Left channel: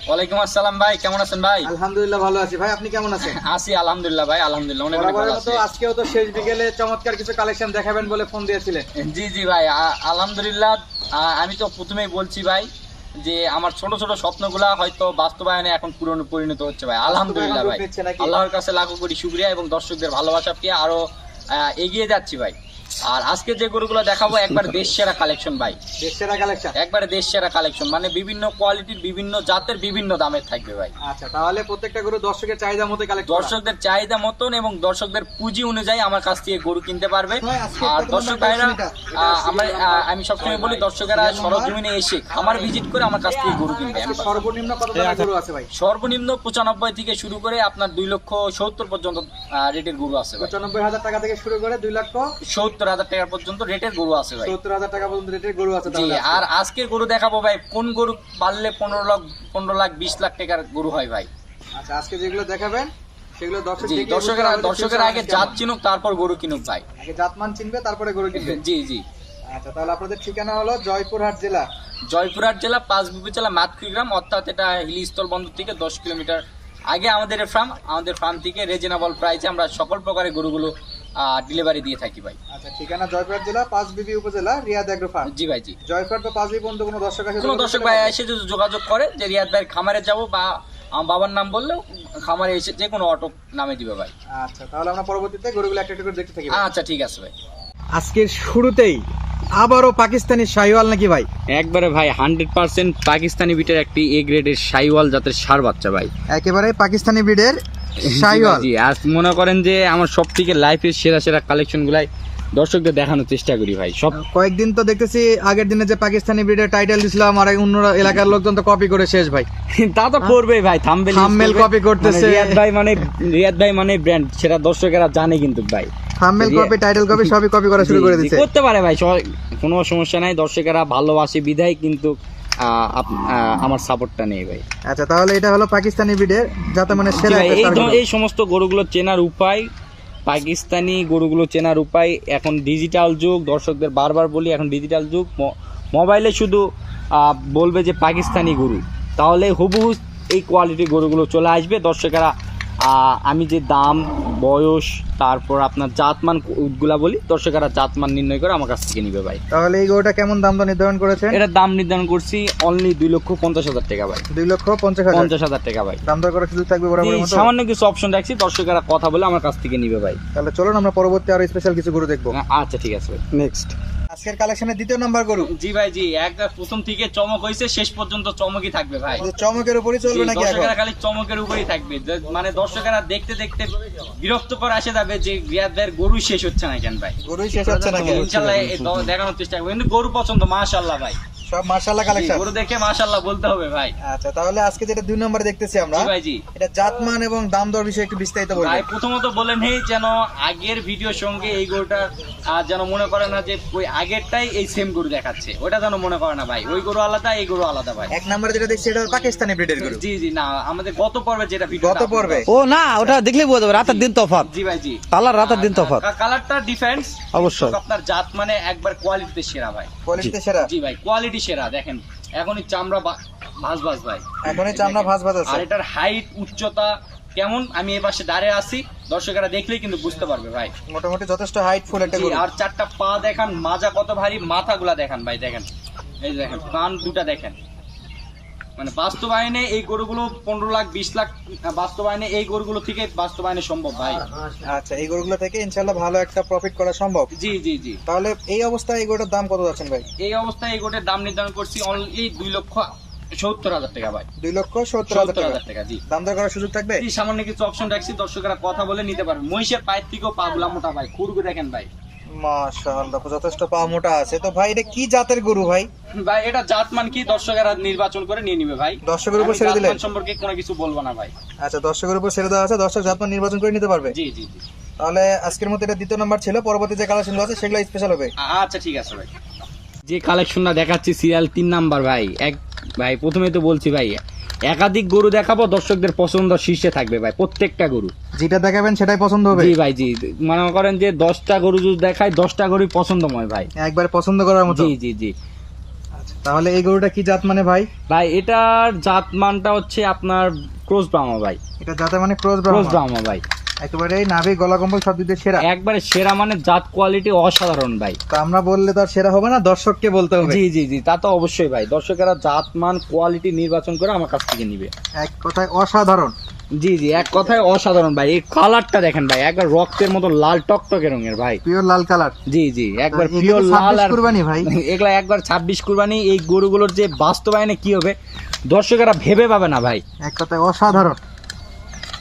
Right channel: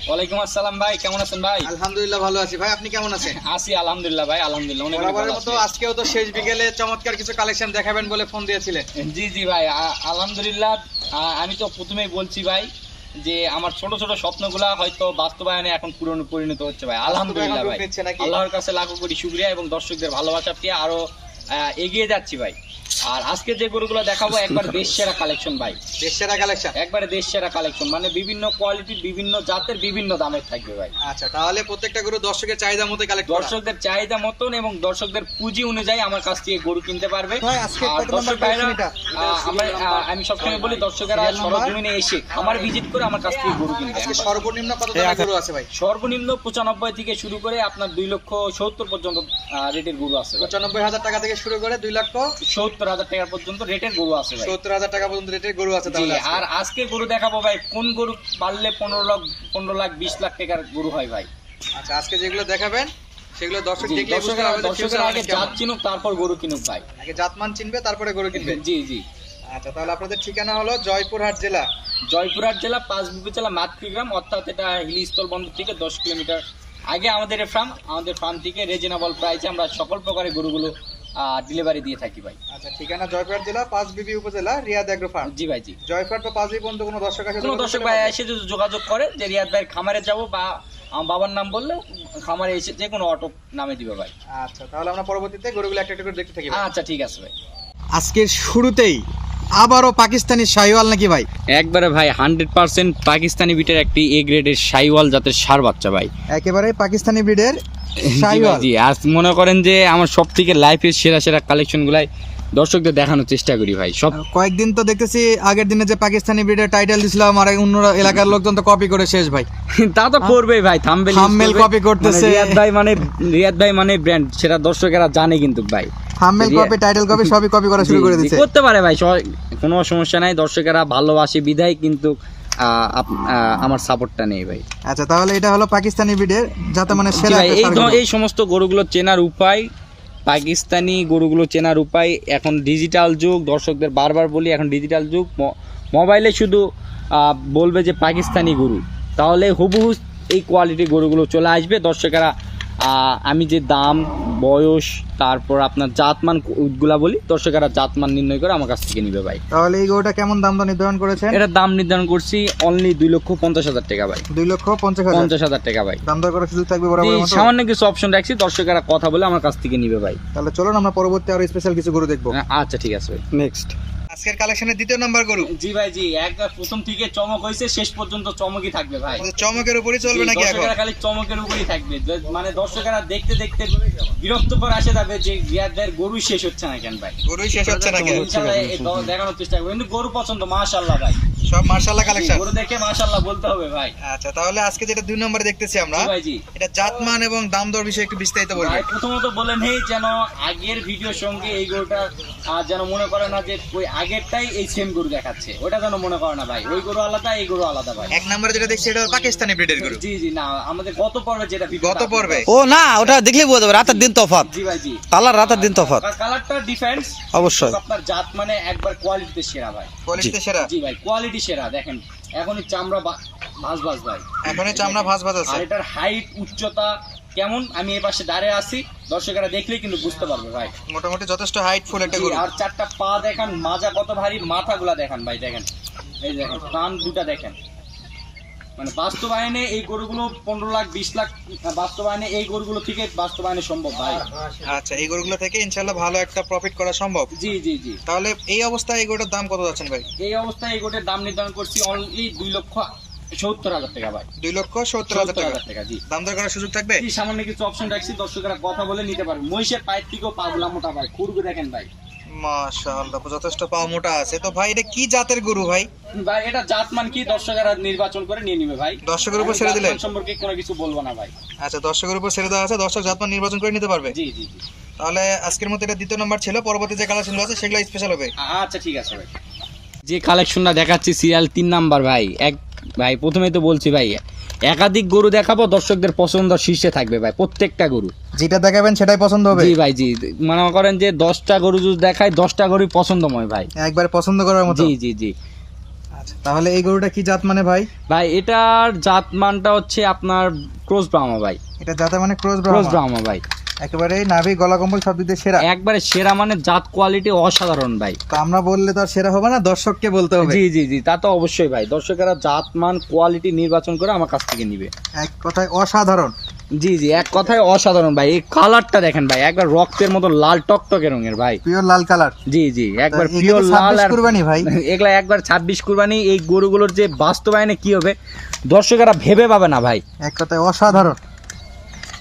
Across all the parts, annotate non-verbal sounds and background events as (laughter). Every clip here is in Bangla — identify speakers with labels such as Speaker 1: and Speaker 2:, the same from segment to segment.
Speaker 1: ওয়ালাইকুম আসসালাম ভাই কেমন আছেন ভাই?
Speaker 2: আলহামদুলিল্লাহ ভালো আছি। ভাই আপনি কেমন আছেন?
Speaker 1: আছি আলহামদুলিল্লাহ ভাই আলহামদুলিল্লাহ অনেক অনেক ভালো আছি।
Speaker 2: আজকেও তো শেষ বিকেলে চমৎকার কিছু কালেকশন দেখাবেন বলে ফোন দিয়েছিলেন।
Speaker 1: জি জি ভাই আলহামদুলিল্লাহ আমি তো প্রথমেই বলছি ভাই যে আমার ছোট ছোট স্বপ্নগুলা হয়তো বাস্তবায়নে এখন পূরণ পরিণত হচ্ছে ভাই। আলহামদুলিল্লাহ ভাই? আল্লাহর কাছে লাখো করি শুক্রিয়া এবং দর্শকদের ভালোবাসা পেয়ে আরও আহ, এগিয়ে যাচ্ছি ভাই। আর আজকে যে গরুগুলো দেখাবো একবার দেশ সেরা কালেকশন ভাই।
Speaker 2: দেশ সেরা কালেকশন
Speaker 1: একবারে দেশ সেরা কালেকশন মানে বিভিন্ন কোয়ালিটির বিভিন্ন জাতের বিভিন্ন দামের থাকবে ভাই।
Speaker 2: আচ্ছা তাহলে প্রত্যেকটা গরু দর্শকের চাহিদা মতো কালেক্ট
Speaker 1: দর্শকদের চাহিদা মতন এবং দর্শকদের পুঁজি অনুযায়ী আমার কাছ থেকে গরু কিনতে পারবে। আর দর্শক ভাইরা আহ, আমার আমি সবসময় বলি দর্শকেরা? সরজমিনে এসে আমার ভিজিট করে আমার কাছ থেকে গরু কিনবে।
Speaker 2: সর্বনিম্ন কত দামের গরু আছে ভাই?
Speaker 1: সর্বনিম্ন পঁচানব্বই থেকে শুরু করে আপনার দুই লক্ষ সত্তর পর্যন্ত রেটের গরু আছে
Speaker 2: পঁচানব্বই হাজার টাকা থেকে শুরু করে দুই লক্ষ
Speaker 1: সত্তর হাজার টাকা পর্যন্ত রেটের গরু আছে ভাই।
Speaker 2: সত্তর হাজার টাকা পর্যন্ত রেটের গরু আছে
Speaker 1: জি আর আজকে গরু দেখাবো ভাই কোন গরু পারলে পনেরো লাখ পনেরো লাখ বিশ লাখ টাকার গরু হয় ভাই।
Speaker 2: আচ্ছা আজকে যেগুলো দেখাবেন সেগুলো দর্শক
Speaker 1: জি দর্শকেরা
Speaker 2: বুঝতে পারবে যে
Speaker 1: দর্শকের
Speaker 2: future
Speaker 1: আগে জাত চিনুক তারপর গরু কিনুক ভাই।
Speaker 2: আগে জাতমান চিনবে তারপরে গরু কিনবে।
Speaker 1: জি জি।
Speaker 2: আচ্ছা তাহলে আপনাদের ঠিকানা হলো জয়পুরহাট জেলা।
Speaker 1: জয়পুরহাট জেলা পাঁচ বিপি জেলা মাতৃ গ্রাম অর্থাৎ এটা হিলি স্থল বন্দর থেকে দশ কিলোমিটার আগে আমাদের ফার্ম আমাদের ফার্ম থেকে রিজনেবল প্রাইসে আমরা সকল প্রকারের গরুগুলো ডেলিভারি দিয়ে থাকি ভাই।
Speaker 2: আচ্ছা ঠিকানা জয়পুরহাট জেলা পাঁচ বিবি উপজেলা রিয়াদ এগ্রো ফার্ম।
Speaker 1: জি ভাই জি।
Speaker 2: জয়পুরহাট বা পাঁচ বিবি পর্যন্ত কোনো দর্শক আছে?
Speaker 1: কোনো দর্শক ভাই এসে যদি যোগাযোগ করে যে রিয়াদ ভাইয়ের খামারে যাব বা আমার বাবার নাম বললেও খামারে এসে যে কোনো অটো নামে দিবে ভাই।
Speaker 2: আচ্ছা তাহলে আমরা পরবর্তীতে গরুগুলো একটা একটা করে দেখতে থাকি
Speaker 1: আচ্ছা ঠিক আছে ভাই।
Speaker 2: আজকের শুরুতেই আবারও পাকিস্তানি শাহিওয়াল নাকি ভাই?
Speaker 1: একবারে ভাই হান্ড্রেড পার্সেন্ট পাকিস্তানি বিটের একটি এ গ্রেডের সাইওয়াল জাতের সার বাচ্চা ভাই।
Speaker 2: একেবারে পাকিস্তানি ব্রিডের
Speaker 1: জি। আজ মনে করেন যে আমার সব থেকে লাইফের সেরা সেরা কালেকশন গুলাই দর্শকদের দেখানোর চেষ্টা করি ভাই সব।
Speaker 2: কয়েকদিন তো দেখতেছি আগের দিনে যে পাকিস্তানি ব্রিডের টাইটেল দিছিলাম আর অন্য এলাকার লোকজন তো কপি করে শেষ ভাই। (laughs)
Speaker 1: তা তো করবে ভাই থাম্বেল
Speaker 2: Thumbnail কপি করতেছে।
Speaker 1: রিয়াদ ভাই মানে রিয়াদ ভাই মানে ব্র্যান্ড সেটা দর্শকেরা জানে কিন্তু ভাই।
Speaker 2: থাম্বনেল
Speaker 1: রিয়া-
Speaker 2: কপি টাইটেল কপি সবই কপি করা (laughs) শুরু করে
Speaker 1: জি,
Speaker 2: দিচ্ছে
Speaker 1: করতে পারে ভাই কোনো সমস্যা নাই দর্শকেরা ভালোবাসে বিধায় কিন্তু আমার সাপোর্টটা নেই ভাই
Speaker 2: আচ্ছা তাহলে এটা হলো পাকিস্তানি ব্রিডের যাতে মানে
Speaker 1: এই। এই সমস্ত গরুগুলো চেনার উপায় পাকিস্তানি গরুগুলো চেনার উপায় এখন ডিজিটাল যুগ দর্শকদের বারবার বলি এখন ডিজিটাল যুগ মোবাইলে শুধু বলবে যে পাকিস্তানি গরু তাহলে হুবহু এই কোয়ালিটি গরুগুলো চলে আসবে দর্শকেরা আমি যে দাম বয়স তারপর আপনার জাতমানগুলা বলি দর্শকেরা জাতমান নির্ণয় করে আমার কাছ থেকে নিবে ভাই।
Speaker 2: তাহলে এই গরুটা কেমন দাম তো নির্ধারণ করেছে
Speaker 1: এটা দাম নির্ধারণ করছি অনলি দুই লক্ষ পঞ্চাশ হাজার টাকা ভাই।
Speaker 2: দুই লক্ষ পঞ্চাশ হাজার।
Speaker 1: পঞ্চাশ হাজার টাকা ভাই।
Speaker 2: দাম দর করার সুযোগ থাকবে বরাবর?
Speaker 1: সামান্য কিছু অপশন রাখছি দর্শকেরা কথা বলে আমার কাছ থেকে নিবে ভাই।
Speaker 2: তাহলে চলুন আমরা পরবর্তী আরও স্পেশাল কিছু গরু দেখব।
Speaker 1: আচ্ছা ঠিক আছে ভাই।
Speaker 2: নেক্সট আজকের কালেকশনের দ্বিতীয় নাম্বার গরু?
Speaker 1: জি ভাই জি। একটা প্রথম থেকে চমক হয়েছে শেষ পর্যন্ত চমকই থাকবে ভাই।
Speaker 2: চমকের উপরই চলবে নাকি এখন?
Speaker 1: দর্শকেরা খালি চমকের উপরই থাকবে। মানে দর্শকেরা দেখতে দেখতে বিরক্ত পর আসে যাবে যে রিয়াদ ভাইয়ের গরু শেষ হচ্ছে না কেন ভাই।
Speaker 2: গরুই শেষ হচ্ছে না কেন?
Speaker 1: ইনশাআল্লাহ এই দেখানোর চেষ্টা করব। কিন্তু গরু পছন্দ মাশাআল্লাহ ভাই।
Speaker 2: সব মার্শাল্লাহ কালেকশন
Speaker 1: গরু দেখে বলতে হবে ভাই।
Speaker 2: আচ্ছা তাহলে আজকে যেটা দুই নম্বরে দেখতেছি আমরা
Speaker 1: জি
Speaker 2: এটা জাতমান এবং দাম দর বিষয়ে একটু বিস্তারিত বলব
Speaker 1: ভাই প্রথমত বলে নেই যেন আগের ভিডিওর সঙ্গে এই গরুটা আহ, যেন মনে করে না যে ওই আগেরটাই এই সেম গরু দেখাচ্ছে। ওটা যেন মনে করে না ভাই। ওই গরু আলাদা এই গরু আলাদা ভাই।
Speaker 2: এক নম্বরে যেটা দেখছি এটা পাকিস্তানি ব্রিডের গরু।
Speaker 1: জি জি না আমাদের গত পর্বে যেটা ভিডিও
Speaker 2: গত পর্বে।
Speaker 3: ও না ওটা বোঝা যাবে রাতের দিন তফাৎ।
Speaker 1: জি ভাই জি।
Speaker 3: কালার রাতের দিন তফাৎ।
Speaker 1: কালারটা ডিফারেন্স
Speaker 3: অবশ্যই।
Speaker 1: আপনার জাত মানে একবার কোয়ালিটিতে সেরা ভাই।
Speaker 2: কোয়ালিটিতে সেরা।
Speaker 1: জি ভাই কোয়ালিটি সেরা দেখেন এখনই চামড়া ভাস ভাজ ভাজ ভাই।
Speaker 2: এখনই চামড়া ভাজ ভাজ
Speaker 1: আর এটার হাইট উচ্চতা কেমন আমি এই পাশে দাঁড়িয়ে আছি দর্শকেরা দেখলেই কিন্তু বুঝতে পারবে ভাই।
Speaker 2: মোটামুটি যথেষ্ট হাইট ফুল
Speaker 1: একটা
Speaker 2: গরু।
Speaker 1: আর চারটা পা দেখান মাজা কত ভারী মাথাগুলা দেখেন ভাই দেখেন। এই দেখেন কান দুটা দেখেন। মানে বাস্তবায়নে এই গরুগুলো পনেরো লাখ বিশ লাখ বাস্তবায়নে এই গরুগুলো থেকে বাস্তবায়নে সম্ভব ভাই।
Speaker 2: আচ্ছা এই গরুগুলো থেকে ইনশাল্লাহ ভালো একটা প্রফিট করা সম্ভব?
Speaker 1: জি জি জি।
Speaker 2: তাহলে এই অবস্থায় এই গরুটার দাম কত যাচ্ছেন ভাই?
Speaker 1: এই অবস্থায় এই গোটের দাম নির্ধারণ করছি অনলি দুই লক্ষ সত্তর হাজার টাকা ভাই।
Speaker 2: দুই লক্ষ সত্তর হাজার টাকা।
Speaker 1: জি।
Speaker 2: দাম দর করার সুযোগ থাকবে?
Speaker 1: সামান্য কিছু অপশন রাখছি দর্শকেরা কথা বলে নিতে পারবে। মহিষের পায়ের থেকেও পাগুলা মোটা ভাই খুরবে দেখেন ভাই।
Speaker 2: মাশাআল্লাহ যথেষ্ট পাওয়া মোটা আছে। তো ভাই এটা কি জাতের গরু ভাই?
Speaker 1: ভাই এটা জাতমান কি? দর্শকেরা নির্বাচন করে নিয়ে নিবে ভাই।
Speaker 2: দর্শকের উপর ছেড়ে দিলে?
Speaker 1: সম্পর্কে কোনো কিছু বলব না ভাই।
Speaker 2: আচ্ছা দর্শকের উপর ছেড়ে দেওয়া আছে দর্শক জাতমান নির্বাচন করে নিতে পারবে?
Speaker 1: জি জি জি।
Speaker 2: তাহলে আজকের মতো এটা দ্বিতীয় নাম্বার ছিল পরবর্তী যে কালেকশন আছে সেগুলো স্পেশাল হবে।
Speaker 1: আচ্ছা ঠিক আছে ভাই। যে কালেকশনটা দেখাচ্ছি সিরিয়াল তিন নাম্বার ভাই। এক ভাই প্রথমে তো বলছি ভাই একাধিক গরু দেখাবো দর্শকদের পছন্দ শীর্ষে থাকবে ভাই প্রত্যেকটা গরু।
Speaker 2: যেটা দেখাবেন সেটাই পছন্দ হবে?
Speaker 1: জি ভাই জি। মনে করেন যে দশটা গরু যদি দেখায় দশটা গরুই পছন্দময় ভাই।
Speaker 2: একবার পছন্দ করার মতো?
Speaker 1: জি জি জি।
Speaker 2: আচ্ছা তাহলে এই গরুটা কি জাত মানে ভাই?
Speaker 1: ভাই এটার জাত মানটা হচ্ছে আপনার ক্রোস ব্রাহ্মা ভাই।
Speaker 2: এটা জাত মানে ক্রস
Speaker 1: ক্রোস
Speaker 2: ক্রস
Speaker 1: ব্রাহ্মা ভাই।
Speaker 2: একেবারে নাভি গলা কম্বল সব দিয়ে সেরা।
Speaker 1: একবারে সেরা মানে জাত কোয়ালিটি অসাধারণ ভাই।
Speaker 2: তো আমরা বললে তো সেরা হবে না দর্শককে বলতে হবে।
Speaker 1: জি জি জি তা তো অবশ্যই ভাই। দর্শকেরা জাত মান কোয়ালিটি নির্বাচন করে আমার কাছ থেকে নিবে।
Speaker 2: এক কথায় অসাধারণ।
Speaker 1: জি জি এক কথায় অসাধারণ ভাই। এই কালারটা দেখেন ভাই একবার রক্তের মতো লাল টকটকে রঙের ভাই।
Speaker 2: পিওর লাল কালার
Speaker 1: জি জি একবার পিওর লাল আর
Speaker 2: কুরবানি ভাই। (laughs)
Speaker 1: এগুলা একবার ছাব্বিশ কুরবানি এই গরুগুলোর যে বাস্তবায়নে কি হবে দর্শকেরা ভেবে পাবে না ভাই।
Speaker 2: এক কথায় অসাধারণ।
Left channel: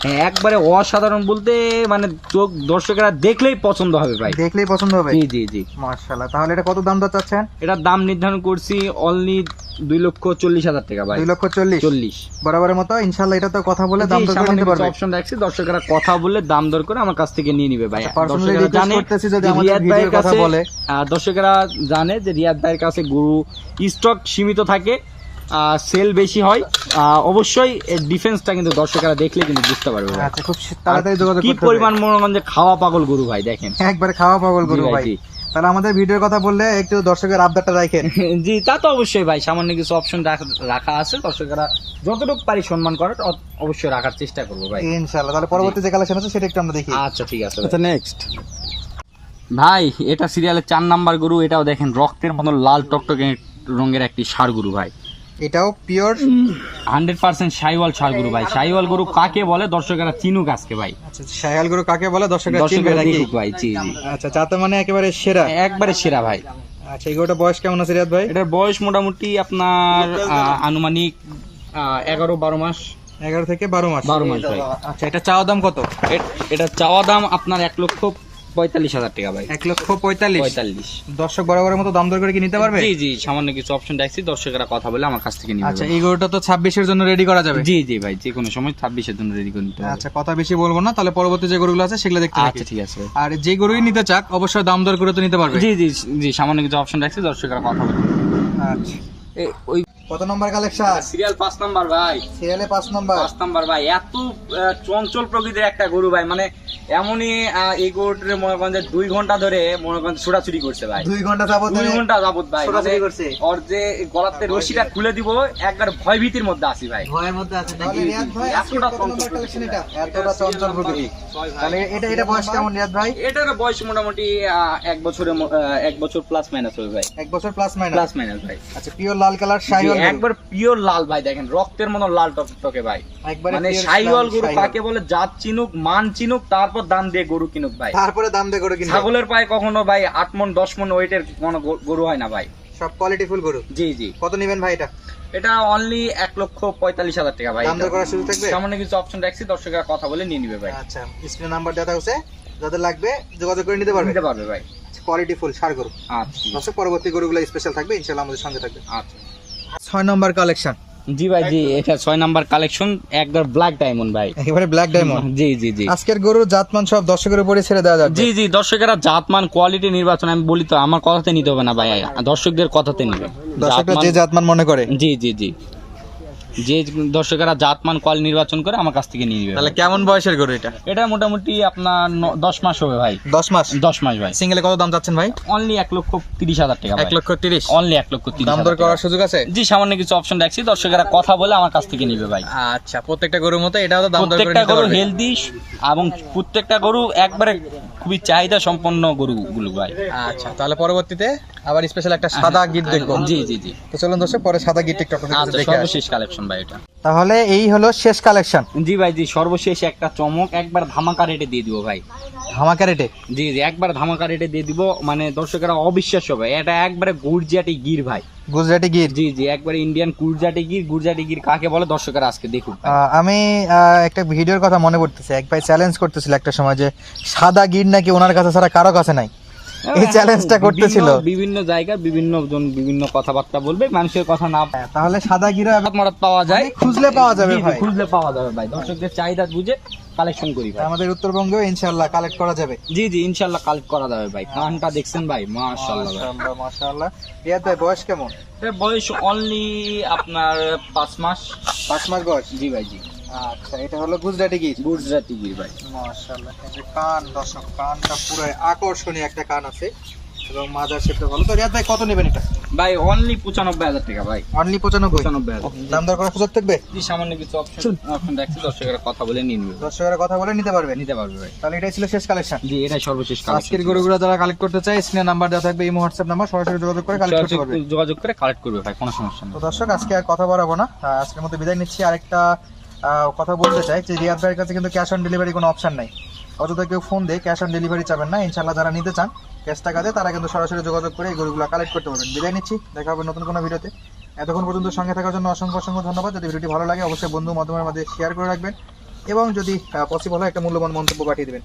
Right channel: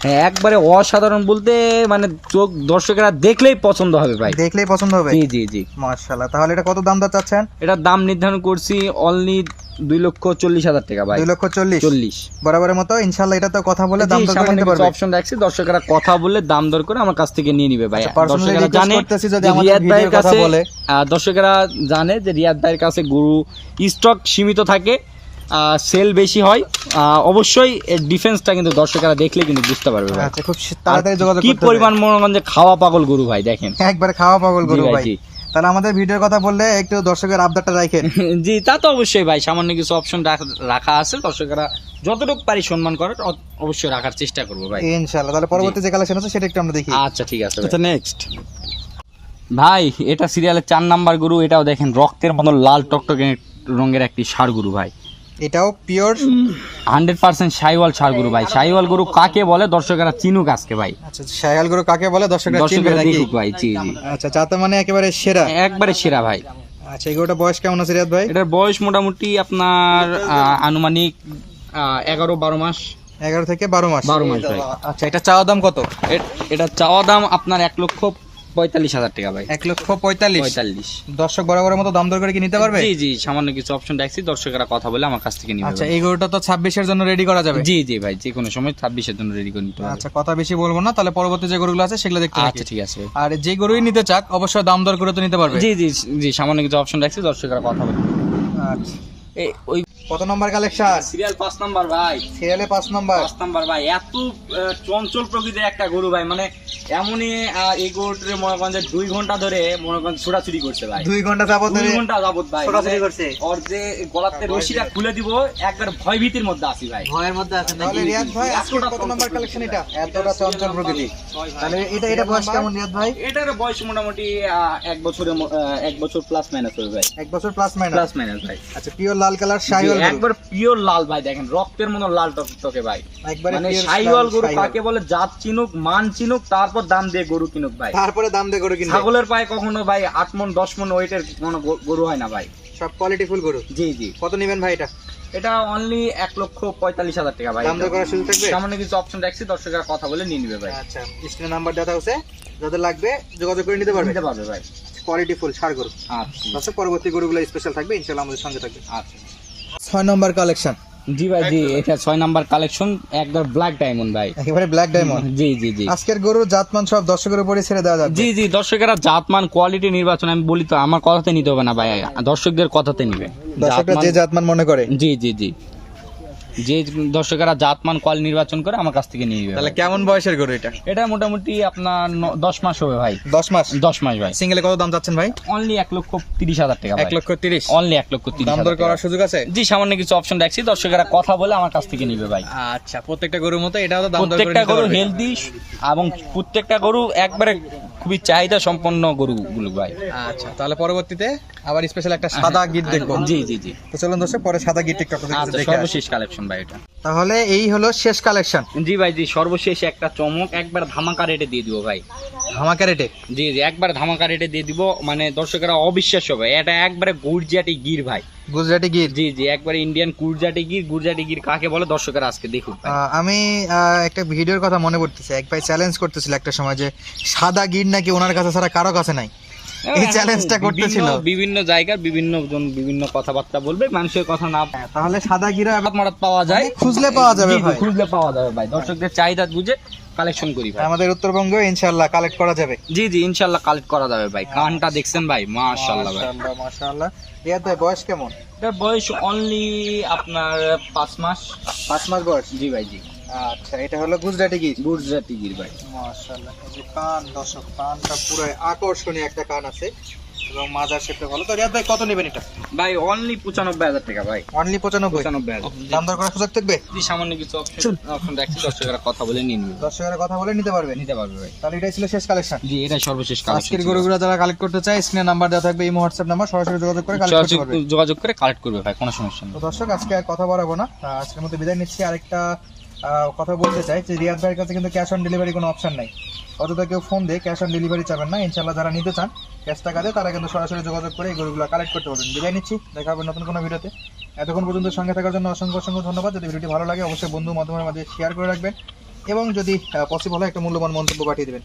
Speaker 1: হ্যাঁ, একবারে অসাধারণ বলতে মানে চোখ দর্শকেরা দেখলেই পছন্দ হবে ভাই।
Speaker 2: দেখলেই পছন্দ হবে?
Speaker 1: জি জি জি।
Speaker 2: মাশাআল্লাহ তাহলে এটা কত দাম দর চাচ্ছেন
Speaker 1: এটার দাম নির্ধারণ করছি অনলি দুই লক্ষ চল্লিশ হাজার টাকা ভাই।
Speaker 2: দুই লক্ষ চল্লিশ?
Speaker 1: চল্লিশ।
Speaker 2: বরাবরের মতো ইনশাল্লাহ এটা তো কথা বলে দাম দর করে নিতে পারবে।
Speaker 1: অপশন রাখছি দর্শকেরা কথা বলে দাম দর করে আমার কাছ থেকে নিয়ে নিবে ভাই।
Speaker 2: আচ্ছা,
Speaker 1: দর্শকেরা জানে যে রিয়াদ ভাইয়ের কাছে
Speaker 2: বলে।
Speaker 1: দর্শকেরা জানে যে রিয়াদ ভাইয়ের কাছে গরু স্টক সীমিত থাকে। সেল বেশি হয়। আহ, অবশ্যই ডিফেন্সটা কিন্তু দর্শকেরা দেখলে কিন্তু বুঝতে পারবে
Speaker 2: আচ্ছা খুব তাড়াতাড়ি যোগাযোগ
Speaker 1: কি পরিমাণ মনে যে খাওয়া পাগল গরু ভাই দেখেন।
Speaker 2: একবারে খাওয়া পাগল গরু
Speaker 1: ভাই,
Speaker 2: তাহলে আমাদের ভিডিওর কথা বললে একটু দর্শকের আবদারটা রাখেন। (laughs)
Speaker 1: জি তা তো অবশ্যই ভাই সামান্য কিছু অপশন রাখা আছে। দর্শকেরা যতটুকু পারি সম্মান করার অবশ্যই রাখার চেষ্টা করব ভাই।
Speaker 2: ইনশাআল্লাহ তাহলে পরবর্তী যে কালেকশন আছে সেটা একটু আমরা দেখি।
Speaker 1: আচ্ছা ঠিক আছে ভাই।
Speaker 3: আচ্ছা নেক্সট
Speaker 1: ভাই এটা সিরিয়ালের চার নাম্বার গরু এটাও দেখেন রক্তের মতো লাল টকটকে রঙের একটি ষাড় গরু ভাই।
Speaker 2: এটাও পিওর
Speaker 1: হান্ড্রেড পার্সেন্ট সাইওয়াল ষাড় গরু ভাই। সাইওয়াল গরু কাকে বলে? দর্শকেরা চিনুক আজকে ভাই।
Speaker 2: আচ্ছা শায়াল গরু কাকে বলে? দর্শকরা চিনবে নাকি?
Speaker 1: ভাই জি জি।
Speaker 2: আচ্ছা যাতে মানে একেবারে সেরা।
Speaker 1: একবারে সেরা ভাই।
Speaker 2: আচ্ছা এই গরুটা বয়স কেমন আছে রিয়াদ ভাই?
Speaker 1: এটার বয়স মোটামুটি আপনার আনুমানিক এগারো বারো মাস।
Speaker 2: এগারো থেকে বারো মাস।
Speaker 1: বারো মাস ভাই।
Speaker 2: আচ্ছা এটা চাওয়া দাম কত?
Speaker 1: এটা চাওয়া দাম আপনার এক লক্ষ পঁয়তাল্লিশ হাজার টাকা ভাই।
Speaker 2: এক লক্ষ পঁয়তাল্লিশ?
Speaker 1: পঁয়তাল্লিশ।
Speaker 2: দর্শক বরাবরের মতো দাম দর করে কি নিতে পারবে?
Speaker 1: জি জি সামান্য কিছু অপশন রাখছি। দর্শকেরা কথা বলে আমার কাছ থেকে নিবে।
Speaker 2: আচ্ছা এই গরুটা তো ছাব্বিশের জন্য রেডি করা যাবে?
Speaker 1: জি জি ভাই যে কোনো সময় ছাব্বিশের জন্য রেডি করে নিতে
Speaker 2: আচ্ছা কথা বেশি বলব না তাহলে পরবর্তী যে গরুগুলো আছে সেগুলো দেখতে
Speaker 1: আচ্ছা ঠিক আছে
Speaker 2: আর যে গরুই নিতে চাক অবশ্যই দাম দর করে তো নিতে পারবে।
Speaker 1: জি জি জি সামান্য কিছু অপশন রাখছি দর্শকেরা কথা বলে।
Speaker 2: আচ্ছা।
Speaker 1: এই ওই
Speaker 2: কত নম্বর কালেকশন
Speaker 1: সিরিয়াল পাঁচ নাম্বার ভাই।
Speaker 2: সিরিয়ালে পাঁচ নম্বর।
Speaker 1: পাঁচ নাম্বার ভাই এত চঞ্চল প্রকৃতির একটা গরু ভাই মানে এমনই এই গরুটির মনে করেন যে দুই ঘণ্টা ধরে মনে করেন ছোটাছুটি করছে ভাই।
Speaker 2: দুই ঘণ্টা যাবত
Speaker 1: দুই ঘণ্টা যাবত ভাই
Speaker 2: ছোটাছুটি
Speaker 1: মানে
Speaker 2: করছে।
Speaker 1: ওর যে গলাতে রশিটা খুলে দিব একবার ভয় ভীতির মধ্যে আছি ভাই।
Speaker 2: ভয়ের মধ্যে আছে। তাহলে রিয়াদ ভাই
Speaker 1: এতটা
Speaker 2: কত নম্বর কালেকশন এটা? এতটা চঞ্চল প্রকৃতি। তাহলে এটা এটা বয়স কেমন রিয়াদ ভাই?
Speaker 1: এটার বয়স মোটামুটি এক বছরের এক বছর প্লাস মাইনাস হবে ভাই।
Speaker 2: এক বছর প্লাস মাইনাস
Speaker 1: প্লাস মাইনাস ভাই।
Speaker 2: আচ্ছা পিওর লাল কালার
Speaker 1: জি,
Speaker 2: শাহিওয়াল
Speaker 1: একবার পিওর লাল ভাই দেখেন রক্তের মতো লাল টকে ভাই।
Speaker 2: একবারে
Speaker 1: মানে
Speaker 2: লাল
Speaker 1: গরু। কাকে বলে? জাত চিনুক মান চিনুক তারপর দাম দিয়ে গরু কিনুক ভাই।
Speaker 2: তারপরে দাম দিয়ে গরু কিনবে?
Speaker 1: ছাগলের পায়ে কখনো ভাই আট মন দশ মন ওয়েটের কোনো গরু হয় না ভাই।
Speaker 2: সব কোয়ালিটি ফুল গরু?
Speaker 1: জি জি।
Speaker 2: কত নেবেন ভাই এটা?
Speaker 1: এটা অনলি এক লক্ষ পঁয়তাল্লিশ হাজার টাকা ভাই।
Speaker 2: দাম দর করার সুযোগ থাকবে?
Speaker 1: সামান্য কিছু অপশন রাখছি দর্শকেরা কথা বলে নিয়ে নিবে ভাই।
Speaker 2: আচ্ছা স্ক্রিনে নাম্বার দেওয়া আছে যাদের লাগবে যোগাযোগ করে নিতে পারবে?
Speaker 1: নিতে পারবে ভাই।
Speaker 2: কোয়ালিটি ফুল সার গরু।
Speaker 1: আচ্ছা।
Speaker 2: আচ্ছা পরবর্তী গরুগুলো স্পেশাল থাকবে ইনশাআল্লাহ আমাদের সঙ্গে থাকবে।
Speaker 1: আচ্ছা।
Speaker 2: ছয় নম্বর কালেকশন
Speaker 1: জি ভাই জি এটা ছয় নাম্বার কালেকশন একবার ব্ল্যাক ডায়মন্ড ভাই।
Speaker 2: একেবারে ব্ল্যাক ডায়মন্ড
Speaker 1: জি জি জি।
Speaker 2: আজকের গরু জাতমান সব দর্শকের উপরে ছেড়ে দেওয়া যাবে।
Speaker 1: জি জি দর্শকেরা জাতমান কোয়ালিটি নির্বাচন আমি বলি তো আমার কথাতে নিতে হবে না ভাই দর্শকদের কথাতে নিবে।
Speaker 2: দর্শকরা যে
Speaker 1: জাতমান-
Speaker 2: জাতমান মনে করে।
Speaker 1: জি জি জি। যে দর্শকেরা জাতমান কোয়ালিটি নির্বাচন করে আমার কাছ থেকে নিয়ে যাবে
Speaker 2: তাহলে কেমন বয়সের গরু এটা?
Speaker 1: এটা মোটামুটি আপনার দশ মাস হবে ভাই।
Speaker 2: দশ মাস?
Speaker 1: দশ মাস ভাই।
Speaker 2: সিঙ্গেলে কত দাম চাচ্ছেন ভাই?
Speaker 1: অনলি এক লক্ষ তিরিশ হাজার টাকা
Speaker 2: এক লক্ষ তিরিশ?
Speaker 1: অনলি এক লক্ষ তিরিশ
Speaker 2: দাম দর করার সুযোগ আছে?
Speaker 1: জি সামান্য কিছু অপশন রাখছি। দর্শকেরা কথা বলে আমার কাছ থেকে নিবে ভাই।
Speaker 2: আচ্ছা প্রত্যেকটা গরুর মতো এটাও তো দাম দর করে
Speaker 1: প্রত্যেকটা গরু হেলদি এবং প্রত্যেকটা গরু একবারে খুবই চাহিদা সম্পন্ন গরুগুলো ভাই।
Speaker 2: আচ্ছা তাহলে পরবর্তীতে আবার স্পেশাল একটা সাদা গিট দেখব।
Speaker 1: জি জি জি।
Speaker 2: তো চলুন দর্শক পরে সাদা গিট একটু
Speaker 1: আচ্ছা
Speaker 2: দেখে
Speaker 1: সর্বশেষ কালেকশন ভাই এটা।
Speaker 2: তাহলে এই হলো শেষ কালেকশন
Speaker 1: জি ভাই জি সর্বশেষ একটা চমক। একবার ধামাকা রেটে দিয়ে দিব ভাই।
Speaker 2: ধামাকা রেটে
Speaker 1: জি জি একবার ধামাকা রেটে দিয়ে দিব। মানে দর্শকেরা অবিশ্বাস্য ভাই এটা একবারে গুরজাটি গির ভাই।
Speaker 2: গুজরাটি গির?
Speaker 1: জি জি একবারে ইন্ডিয়ান গুরজাটি গির গুরজাটি গির কাকে বলে দর্শকেরা আজকে দেখুক
Speaker 2: আমি একটা ভিডিওর কথা মনে পড়তেছে। এক ভাই চ্যালেঞ্জ করতেছিল একটা সময় যে সাদা গির নাকি ওনার কাছে ছাড়া কারও কাছে নাই? এই চ্যালেঞ্জটা করতেছিল।
Speaker 1: বিভিন্ন- জায়গার বিভিন্ন জন বিভিন্ন কথাবার্তা বলবে মানুষের কথা না
Speaker 2: তাহলে সাদা গিরা
Speaker 1: হাত মারাত পাওয়া যায়।
Speaker 2: খুঁজলে পাওয়া যাবে ভাই।
Speaker 1: খুঁজলে পাওয়া যাবে ভাই। দর্শকদের চাহিদা বুঝে কালেকশন করি ভাই।
Speaker 2: আমাদের উত্তরবঙ্গে ইনশাআল্লাহ কালেক্ট করা যাবে।
Speaker 1: জি জি ইনশাল্লাহ কালেক্ট করা যাবে ভাই। কানটা দেখছেন ভাই? মাশাআল্লাহ ভাই।
Speaker 2: মাশাআল্লাহ রিয়াদ ভাই বয়স কেমন?
Speaker 1: এটার বয়স অনলি আপনার পাঁচ মাস।
Speaker 2: পাঁচ মাস বয়স?
Speaker 1: জি ভাই জি।
Speaker 2: আচ্ছা এটা হলো গুজরাটি গির।
Speaker 1: গুজরাটি গির ভাই।
Speaker 2: মাশাআল্লাহ এই যে কান দর্শক কানটা পুরো আকর্ষণীয় একটা কান আছে। এবং মাজার শেপটা ভালো। তো রিয়াদ ভাই কত নেবেন এটা?
Speaker 1: ভাই অনলি পঁচানব্বই হাজার টাকা ভাই।
Speaker 2: অনলি পঁচানব্বই?
Speaker 1: পঁচানব্বই হাজার।
Speaker 2: দাম দর করার সুযোগ থাকবে?
Speaker 1: সামান্য কিছু অপশন দর্শকেরা কথা বলে নিয়ে নেবে।
Speaker 2: দর্শকেরা কথা বলে নিতে পারবে?
Speaker 1: নিতে পারবে ভাই।
Speaker 2: তাহলে এটাই ছিল শেষ কালেকশন
Speaker 1: জি এটাই সর্বশেষ কালেকশন
Speaker 2: আজকের গরুগুলো যারা কালেক্ট করতে চায় স্ক্রিনে নাম্বার দেওয়া থাকবে এই হোয়াটসঅ্যাপ নাম্বার সরাসরি যোগাযোগ করে কালেক্ট করতে পারবে।
Speaker 1: যোগাযোগ করে কালেক্ট করবে ভাই কোনো সমস্যা নেই।
Speaker 2: তো দর্শক আজকে আর কথা বাড়াবো না। আজকের মতো বিদায় নিচ্ছি। আরেকটা কথা বলতে চাই যে রিয়াদ ভাইয়ের কাছে কিন্তু ক্যাশ অন ডেলিভারি কোনো অপশান নাই। অযথা কেউ ফোন দিয়ে ক্যাশ অন ডেলিভারি চাবেন না ইনশাল্লাহ যারা নিতে চান ক্যাশ টাকা দিয়ে তারা কিন্তু সরাসরি যোগাযোগ করে এই গরুগুলো কালেক্ট করতে পারবেন। বিদায় নিচ্ছি, দেখা হবে নতুন কোনো ভিডিওতে। এতক্ষণ পর্যন্ত সঙ্গে থাকার জন্য অসংখ্য অসংখ্য ধন্যবাদ। যদি ভিডিওটি ভালো লাগে, অবশ্যই বন্ধু মাধ্যমের মাঝে শেয়ার করে রাখবেন এবং যদি পসিবল হয় একটা মূল্যবান মন্তব্য পাঠিয়ে দেবেন।